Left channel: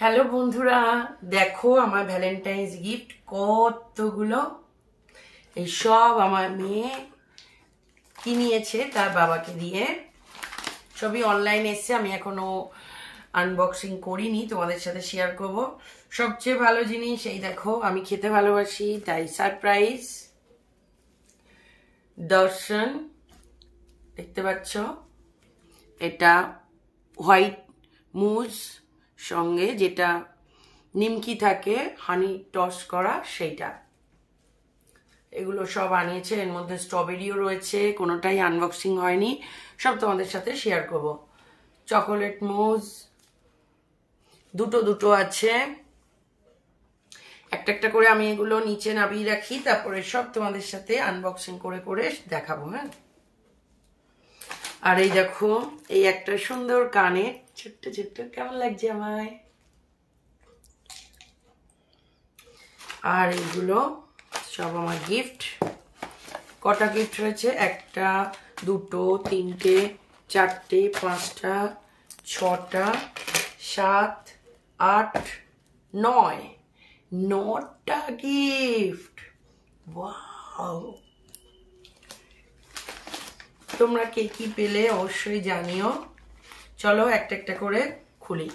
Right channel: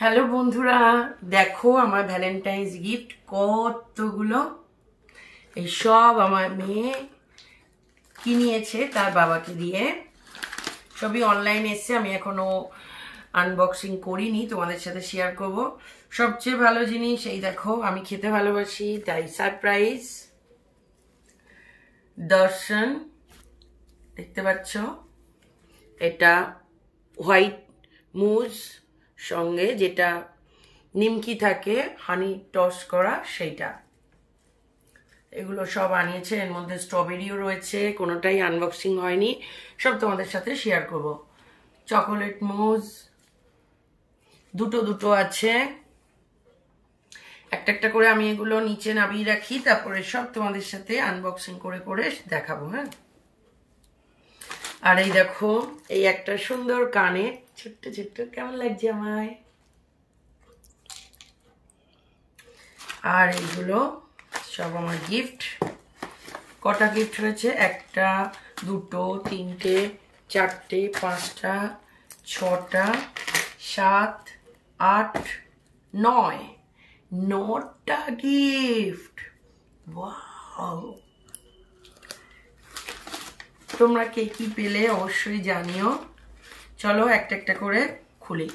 হ্যালো বন্ধুরা, দেখো আমার ভ্যালেন্টাইন্স গিফট কতগুলো। এই সব আমার মেয়ে কিনিয়েছে তার বাবাকে দিয়ে। সবই অনলাইন এসছে, আমি এখনো আনবক্সিং করিনি, তোমাদের সাথে শেয়ার করব। সবচেয়ে ভালো জিনিস এই দেখো, আমি খেতে ভালোবাসি তাই সারপ্রাইজ দর্শন, দেখতে পাচ্ছ এটা হোয়াইট মুজ সঙ্গে যেটা নিমকি থাকে হানি টস করা সেইটা, এগুলো সব আনিয়েছে। এর মধ্যে স্ট্রবেরিও রয়েছে, কোনোটাই আনবক্সিং হয়নি, সব তোমাদের সাথে শেয়ার করব। চকোলেট মুজ দুটো দুটো আছে, একটা একটা করে আমি এগুলো নিচে নামিয়ে রাখি, তারপরে সব তোমাদের সাথে আনবক্সিং করে করে দেখাবো। হ্যাঁ, আর এই দেখো এই একটা সুন্দর কানে ছোট্ট ছোট্ট, কেমন লাগছে আমায়। আর এইগুলো সব আমার গিফট। কটা গিফট রয়েছে? একটা, দুটো, তিনটে, চারটে, পাঁচটা, ছটা, 7, 8, 9, 9টা গিফট। ওয়াও, তোমরা কে কি পেলে অবশ্যই জানিও। চলো একটা একটা করে খুলি।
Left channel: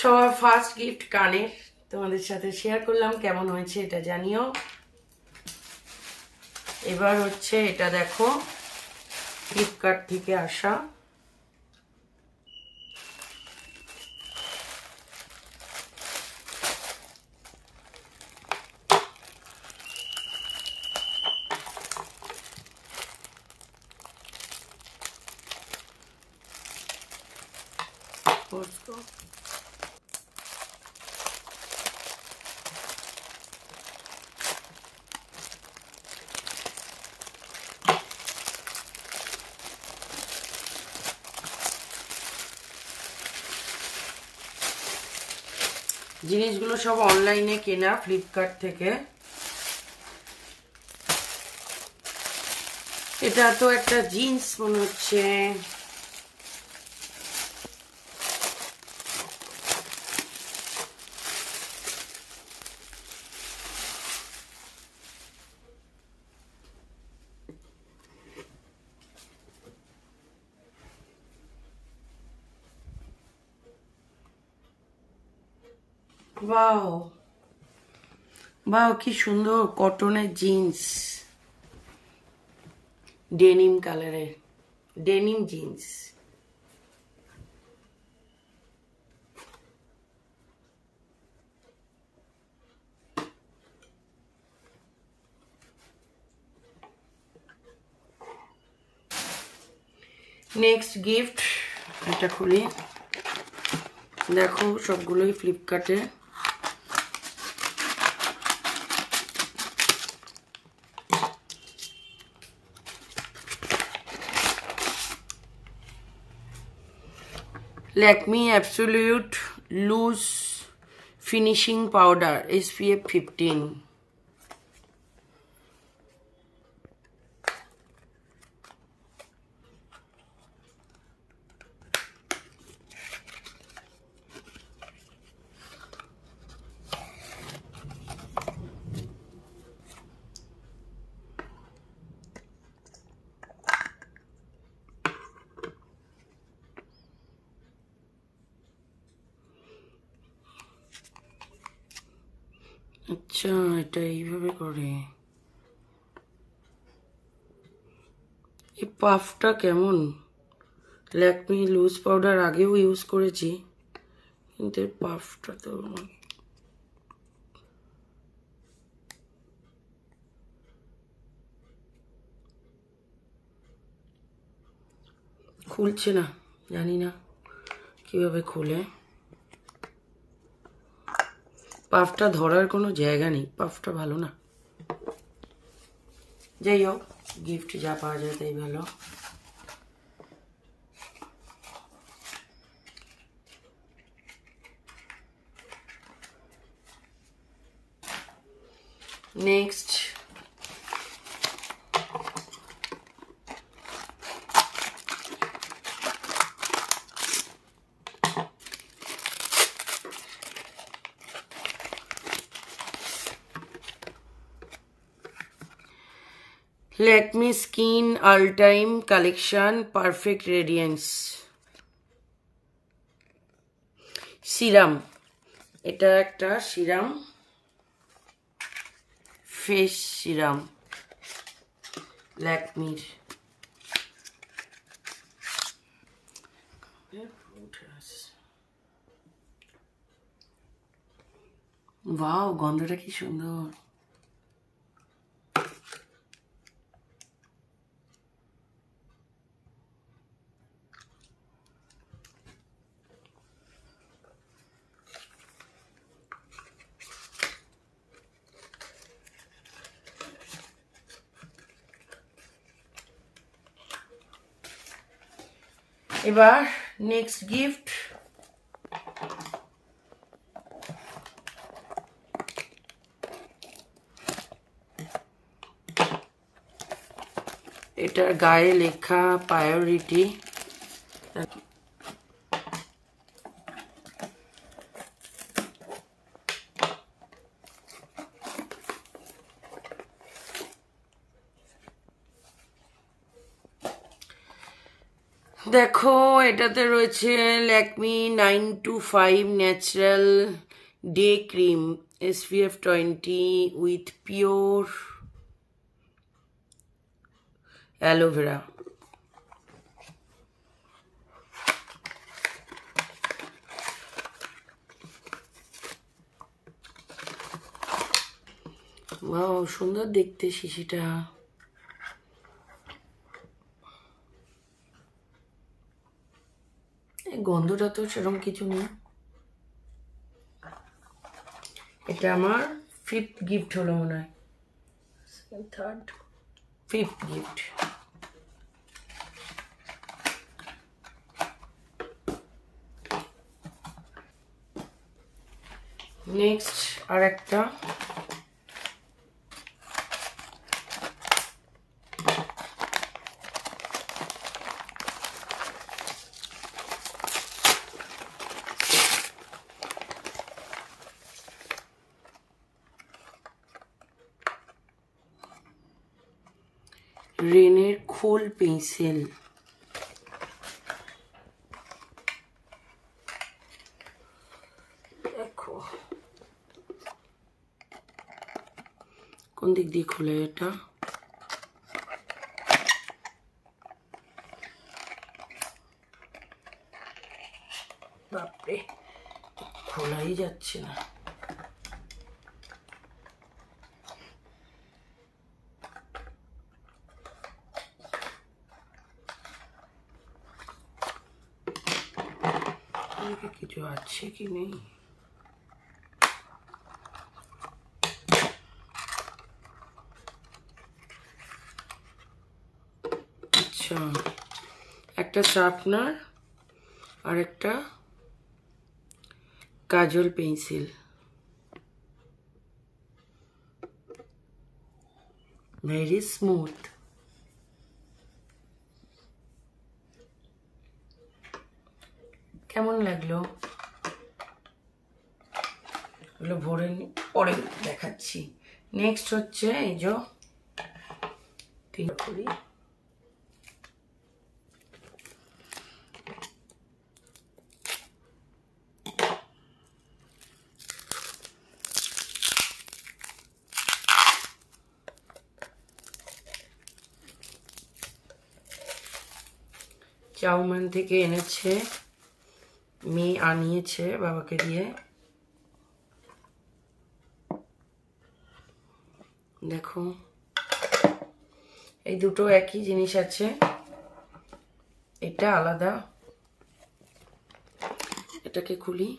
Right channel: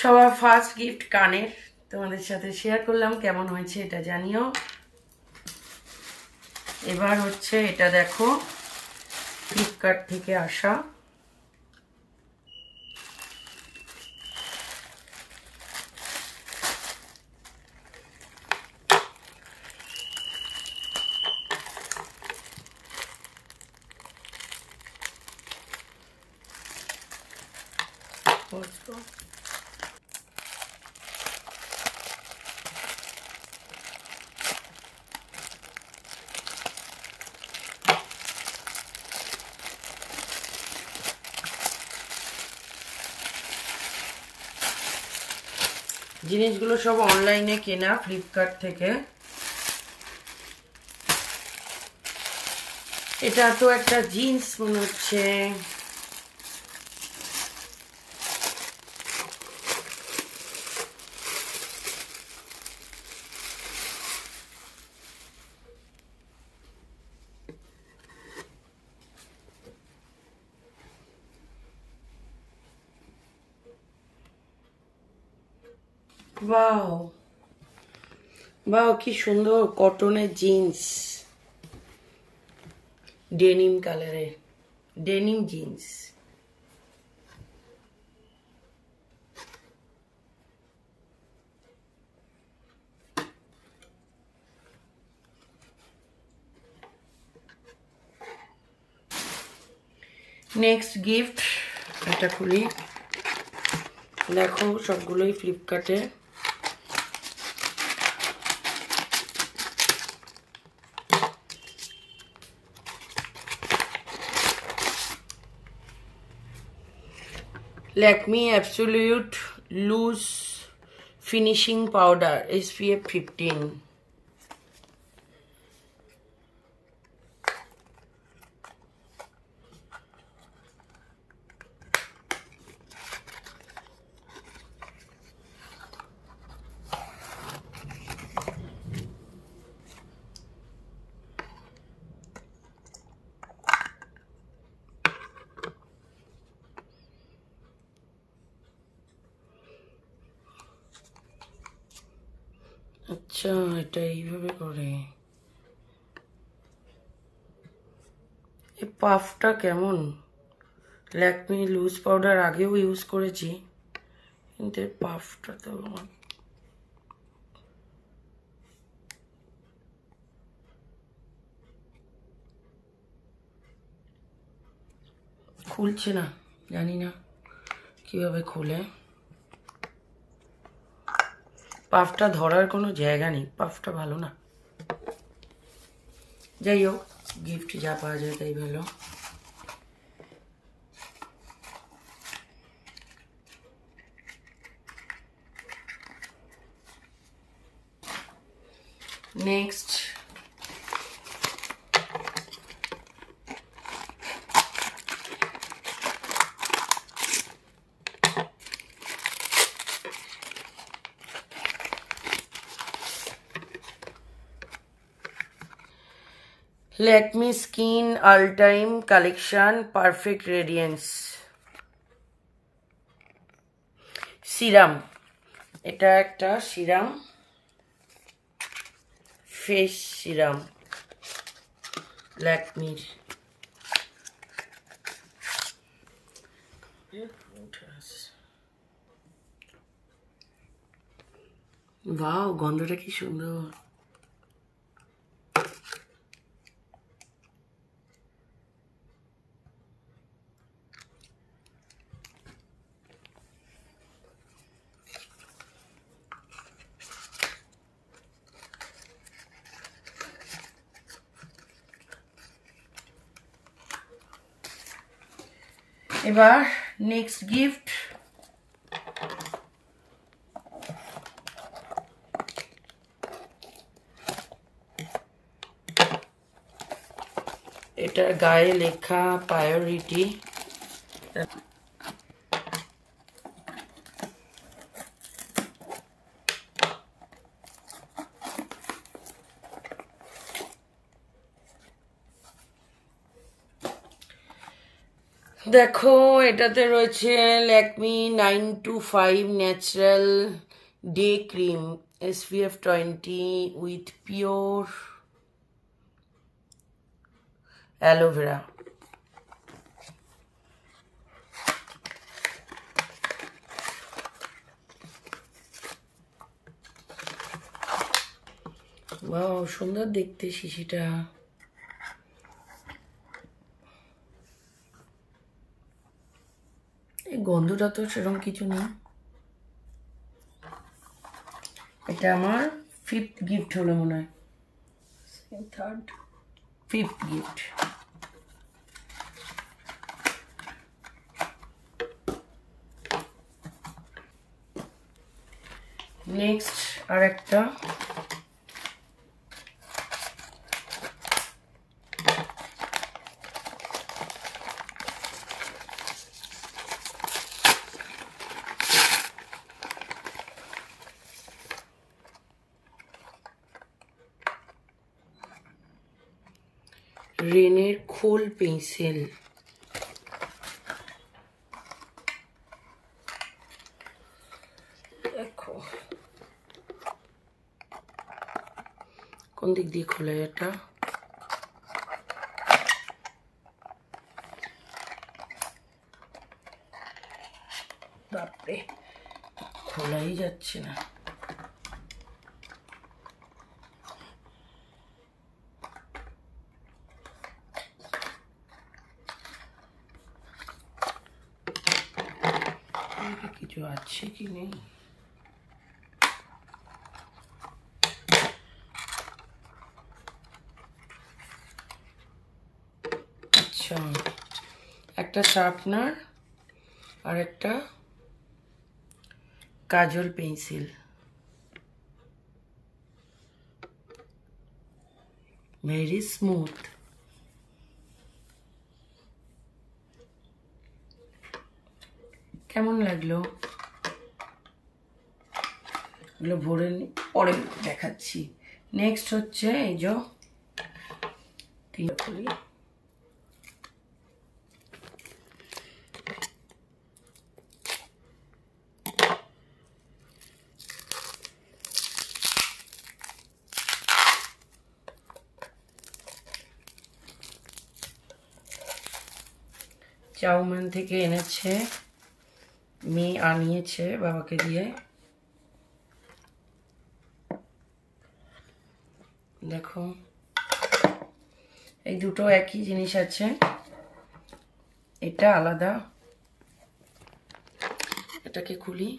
সবার ফার্স্ট গিফট কানের, তোমাদের সাথে শেয়ার করলাম, কেমন হয়েছে এটা জানিও। এবার হচ্ছে এটা দেখো, ফ্লিপকার্ট থেকে আসা। জিনিসগুলো সব অনলাইনে কেনা, ফ্লিপকার্ট থেকে। এটা তো একটা জিন্স মনে হচ্ছে। বাও বাও, কি সুন্দর কটনের জিন্স, ডেনিম কালারের ডেনিম জিন্স। নেক্সট গিফট, এটা খুলি। দেখো সবগুলোই ফ্লিপকার্টে। Lakme absolute loose finishing powder SPF 15। আচ্ছা, এটা এইভাবে করে। এই পাফটা কেমন? ল্যাকমি লুজ পাউডার আগেও ইউজ করেছি, কিন্তু পাফটা তো খুলছে না, জানি না কিভাবে খুলে। পাফটা ধরার কোনো জায়গা নেই, পাফটা ভালো না। যাই হোক, গিফট যা পাওয়া যায় তাই ভালো। নেক্সট Lakme skin all time collection perfect radiance serum. এটা একটা সিরাম, ফেস সিরাম ল্যাকমির। ওয়াও, গন্ধটা কি সুন্দর। এবার নেক্সট গিফট, এটার গায়ে লেখা প্রায়োরিটি। দেখো এটাতে রয়েছে ল্যাকমি 925 natural day cream SPF 20 with pure aloe vera. Wow, সুন্দর দেখতে শিশিটা। এই গন্ধটা তো সেরকম কিছু নেই। এটা আমার 5th গিফট হলো মনে হয়, 3rd 5th গিফট। নেক্সট আর একটা, রেনের খোল পেন্সিল। দেখো কোন দিক দিয়ে খোলা এটা, বাপরে খোলাই যাচ্ছে না। কিছু আছে কি নেই, আচ্ছা একটা শার্পনার আর একটা কাজল পেন্সিল। Very smooth. কেমন লাগলো? এগুলো ভরে পরে দেখাচ্ছি। নেক্সট হচ্ছে এই যে করি, চাউমিন থেকে এনেছে, মেয়ে আনিয়েছে বাবাকে দিয়ে। দেখো এই দুটো একই জিনিস আছে, এটা আলাদা। এটাকে খুলি,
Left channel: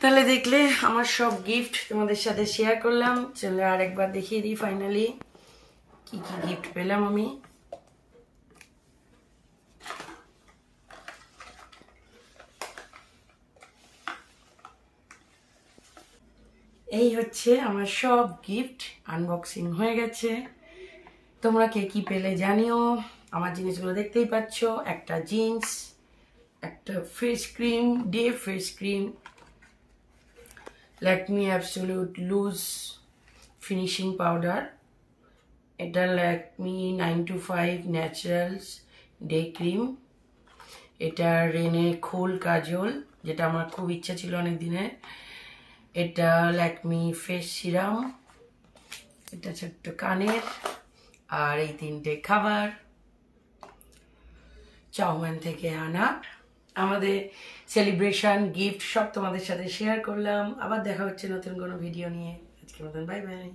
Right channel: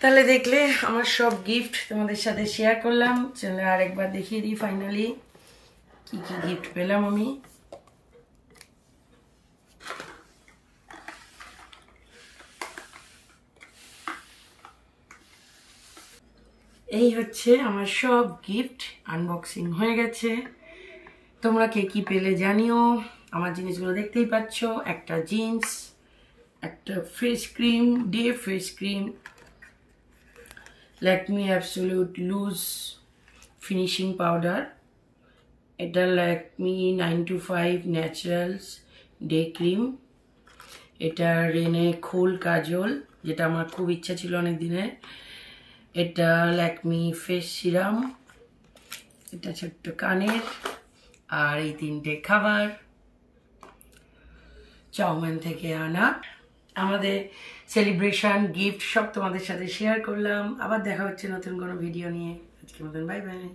তাহলে দেখলে আমার সব গিফট তোমাদের সাথে শেয়ার করলাম। চলো আরেকবার দেখিয়ে দিই ফাইনালি কি কি গিফট পেলাম আমি। এই হচ্ছে আমার সব গিফট আনবক্সিং হয়ে গেছে। তোমরা কে কি পেলে জানিও। আমার জিনিসগুলো দেখতেই পাচ্ছ, একটা জিন্স, একটা face cream, day face cream, Lakme absolute loose finishing powder, এটা ল্যাকমি 925 ন্যাচারালস ডে ক্রিম, এটা রেনে খোল কাজল, যেটা আমার খুব ইচ্ছা ছিল অনেক দিনের, এটা ল্যাকমি ফেস সিরাম, এটা ছোট্ট কানের, আর এই তিনটে খাবার চাউম্যান থেকে আনা। আমাদের সেলিব্রেশন গিফট সব তোমাদের সাথে শেয়ার করলাম। আবার দেখা হচ্ছে নতুন কোনো ভিডিও নিয়ে। আজকের মতন বাই বাই।